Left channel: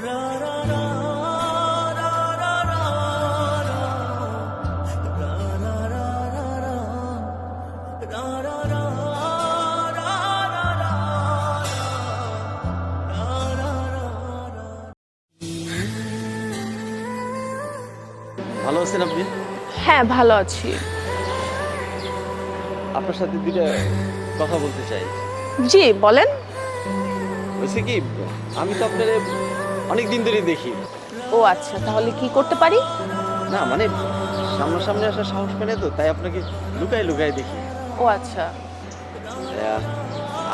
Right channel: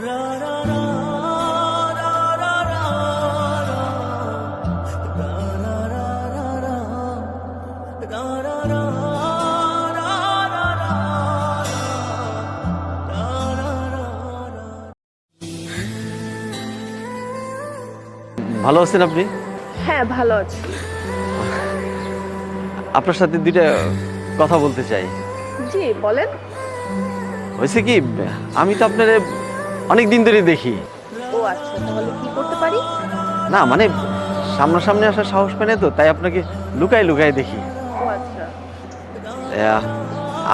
ভালো আছেন আপনি? হ্যাঁ ভালো আছি। আপনার সাথে দুইটা কথা বলতে চাই। জি বলেন। হয়েছে কি, আমি তো আপনার অনেক দিন ধরে দেখি। ও আচ্ছা, তাহলে কি করতে পারি? না মানে সামনাসামনি আসার সাহস পেনে তো, তাই আপনাকে লুকায় লুকায় দেখি। ও আচ্ছা।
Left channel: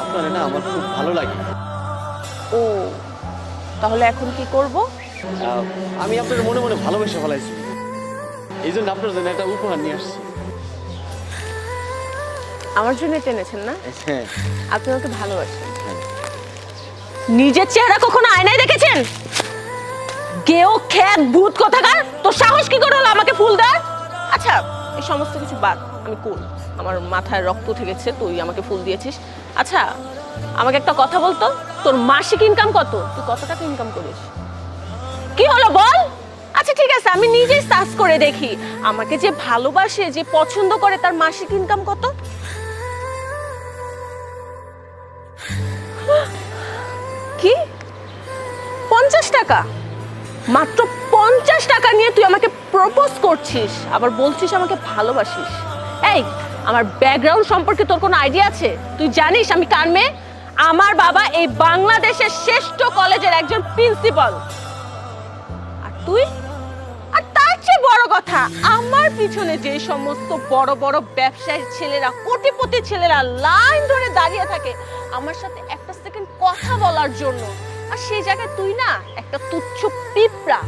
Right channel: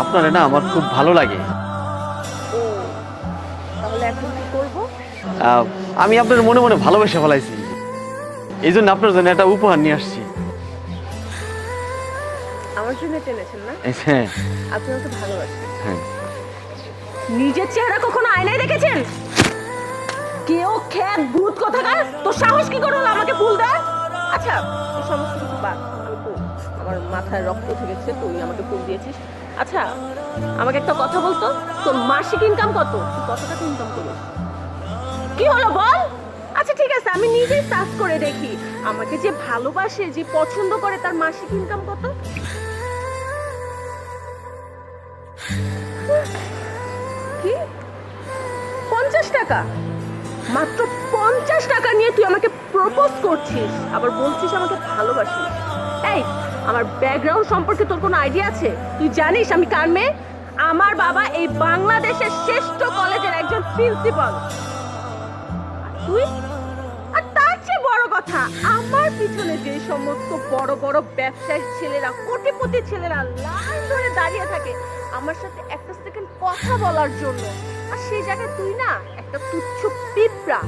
আপনারে না আমার খুব ভালো লাগে। ও তাহলে এখন কি করব? আমি আপনার মনে মনে ভালোবেসে ফেলাইছি, এই জন্য আপনার জন্য একটা উপহার নিয়ে আসছি। আমার জন্য টেনেছেন না? হ্যাঁ। আপনি ওকে ভালোবাসেন? হ্যাঁ। নিজের চেহারা কখনো আয়নায় দেখেছেন? কেউ খেত ভূত কোথাকার, তোর সাহস কি করে হলো আমাকে ফুল দেয়? আচ্ছা এই সমস্ত কিছু বাদ, আমি কোন আমার মাথায় রক্ত উঠে গেছে, তুই আমাকে ফুল দিয়েছিস। আচ্ছা আমাকে একটা কথা বলতো, তোর মাসিক ইনকাম কত? তুই কত টাকা ইনকাম করিস? কি হলো বল। আচ্ছা ঠিক আছে, আমি নিজেই সার্চ করে দেখি আমাকে যে ভালোবাসে, যে পছন্দ করে, তার মাসিক ইনকাম কত। কি 50 টাকা? মাত্র 50 টাকা নিয়ে তুই আমাকে প্রপোজ করছিস, আবার বলছিস আমাকে ভালোবাসিস? এই আমার ব্যাকগ্রাউন্ড সম্পর্কে তোর কোনো আইডিয়া আছে? তুই জানিস আমি কার মেয়ে? আমার বাবা এই বাংলাদেশের শ্রেষ্ঠ কলেজের একজন প্রিন্সিপাল। আর তুই, আর তার চেয়ে বড় কথা, আমার পিছনে যে সমস্ত বড় বড় ব্যবসায়ীর ছেলেরা, কোটিপতি ছেলেরা লাইন ধরে দাঁড়িয়ে থাকে আমার সাথে একটা সেকেন্ড কথা বলার জন্য, আর সেই জায়গায় তুই না একটা তুচ্ছ পিঁপড়া,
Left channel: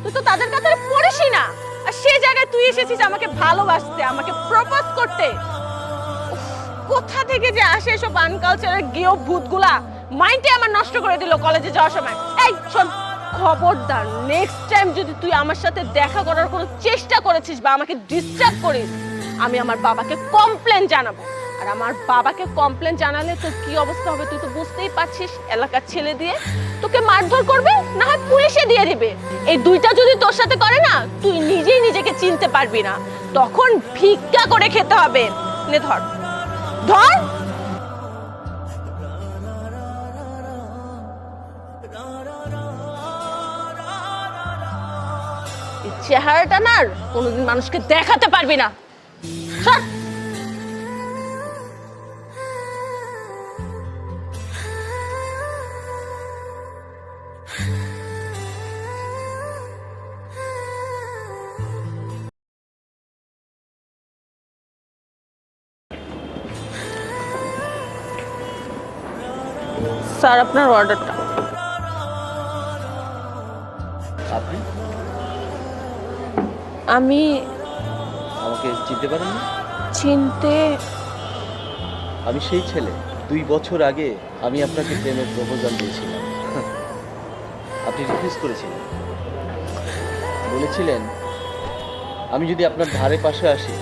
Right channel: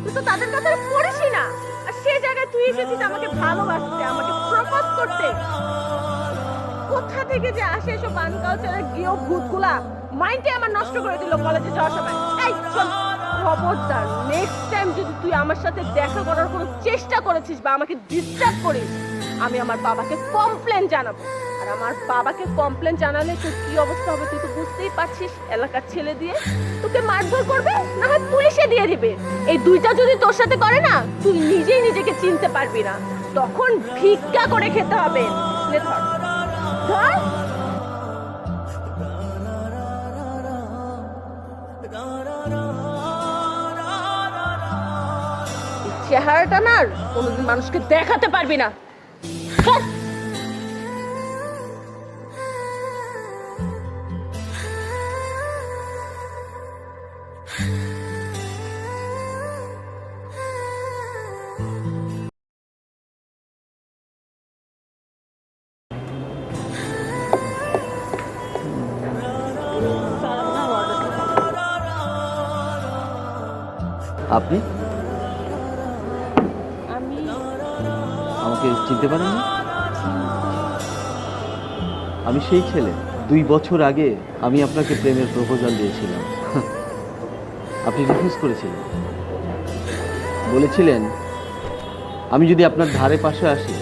তুই তো তাদের কাতারে পড়িসই না, আর সেই জায়গায় তুই এসেছিস আমাকে ভালোবাসতে, আমাকে প্রপোজ করতে। কোথা থেকে যে আসে এসব আনকালচারের গেও ভূতগুলা, মাইন্ডে আমার নষ্ট করে দিল কলেজে যাওয়ার সময়। এই শোন, খবরদার নেক্সট টাইম যদি তুই আমার সাথে দেখা করার কোনো চেষ্টা করেছিস বা আমাকে ডিস্টার্ব করিস, আমি আমার বাবাকে কমপ্লেন জানাবো। আর আমার বাবাকে কমপ্লেন জানালে তোর কি অবস্থা হবে তুই তো বুঝতেই পারছিস। এলাকার ছেলে দিয়ে তোকে মারধর করবে, না হয় পুলিশে দিয়ে দিবে। এই দুইটা যদি তোর সাথে করে না, তুই নিজেই নিজেকে চিনতে পারবি না, তখন ভিক্ষা করে খেতে হবে। নে ধর ধর। চেহারাটা না কোনোদিন মানুষকে দেখাতে পারবি না। স্যার আপনার অর্ডারটা। আপনি আমি আমাকে চিনতে পারেন? চিনতে, আমি সেই ছেলে 2 বছর আগে আমি আপনাকে প্রেমের প্রপোজাল দিয়েছিলাম। আপনি রিফিউজ করেছিলেন, বলেছিলেন আমি যদি আপনার ধারে পাশে আসি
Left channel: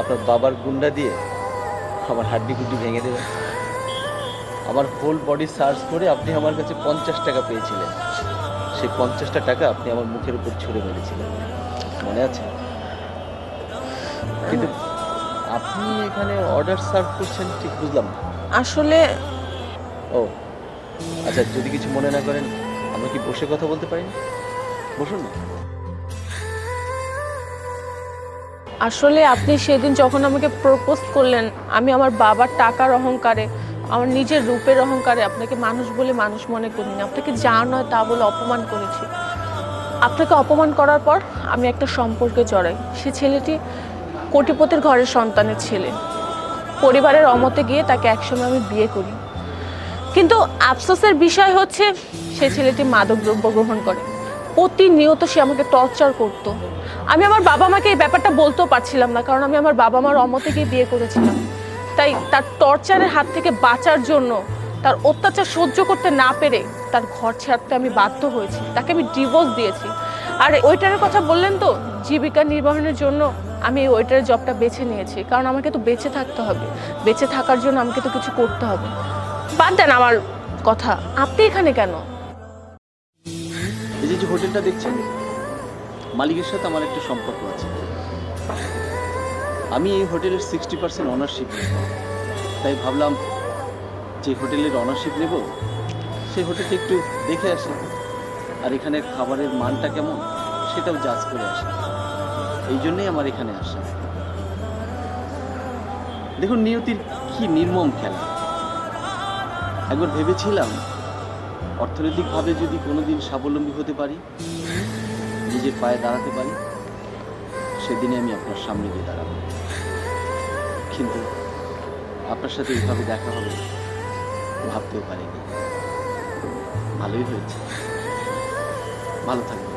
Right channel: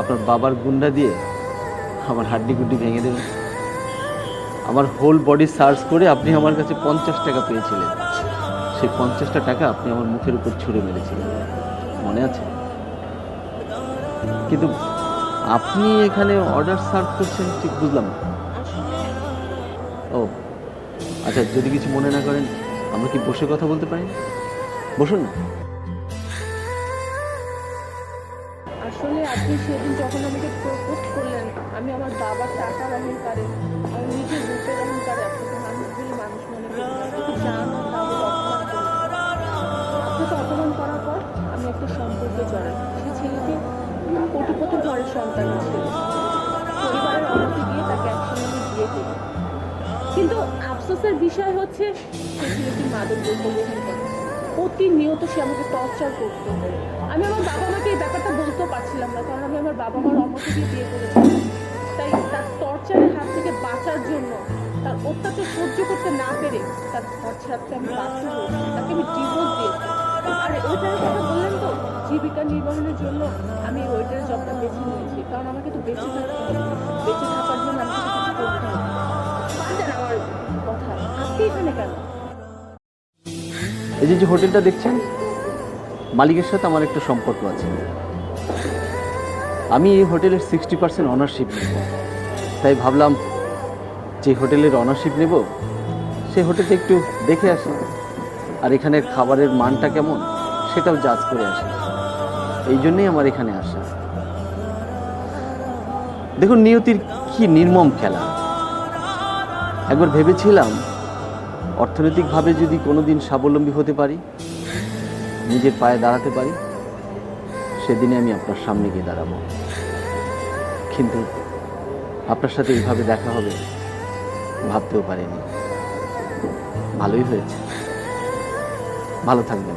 আপনার বাবার গুন্ডা দিয়ে আমার হাড্ডি গুড্ডি ভেঙে দেবেন। আমার হোল বডি সার্চ করে আপনি আমার কাছে 50 টাকা পেয়েছিলেন, সেই 50টা টাকা আপনি আমার মুখের উপর ছুঁড়ে মেরেছিলেন, মনে আছে? কিন্তু আপনি এখানে অর্ডার সার্ভ করছেন ঠিক বুঝলাম না। আসলে ও আচ্ছা, যদি কিছু মনে না করেন আমরা কি বসে কথা বলতে পারি? বসুন না। আসলে আপনি সেদিন যখন আমাকে প্রপোজ করলেন, আমি আমার বাবার টাকার অহংকারে, আমার নিজের রূপের অহংকারে আপনাকে মানুষ বলে মানুষ মনে করিনি, আপনাকে যা নয় তা বলে অপমান করেছি। আপনাকে অপমান করার পর আমি একটা সম্পর্কে জড়াই। সে ছেলেটি কোটিপতির ঘরের সন্তানের ছেলে। পরিবারের অমতে গিয়ে তাকে একসময় আমি বিয়ে করি, কিন্তু আফসোসের বিষয় হচ্ছে সে ছেলেটি মাদকদ্রব্য গ্রহণ করে। প্রতিনিয়ত সে আমাকে টর্চার করতো। আমি আমার বাবা মাকে এই ব্যাপারটা বলতেও পারছিলাম না, কারণ আমি আমার বাবা মার অমতে গিয়ে বিয়ে করেছিলাম। তাই তার টর্চারের হাত থেকে বাঁচার জন্য, তার অত্যাচার সহ্য করতে না পেরে তার ঘর ছাড়তে আমি বাধ্য হয়েছি, তাকে আমি ডিভোর্স দিয়েছি। আর ওয়েটারের কথা বললেন তো, জীবিকা নির্বাহের জন্য আমি এই ওয়েটারের জবটা বেছে নিয়েছি, কারণ আমাকে তো বেঁচে থাকতে হবে, বেঁচে থাকার জন্য আমাকে তো কিছু করতে হবে। বাদ দেন আমার কথা, আপনি এখানে কেন? এই যে হোটেলটা দেখছেন, মালিকের সাথে আমার একটু সম্পর্ক আছে। আমি এই হোটেলের 60% অনারশিপ, তাই ভাবলাম যে হোটেলের অনারশিপ নেব সেই হোটেলটা একটু দেখে আসি, আর এখানের খাবারের মানটা কেমন সেটাও জাজ করে আসি। এই জন্যই আমার এখানে আসা। দেখুন, নিয়তির কি নির্মম খেলা। একবার ভেবেছিলাম অর্থনৈতিকভাবে যদি কোনোদিন স্বাবলম্বী হতে পারি, নিজের পায়ে দাঁড়াতে পারি, সেদিনে আমি আপনার সামনে গিয়ে দাঁড়াবো। কিন্তু আপনার সাথে এইভাবে দেখা হবে ভাবতেও পারিনি। ভালোই হয়েছে। ভালো থাকবেন।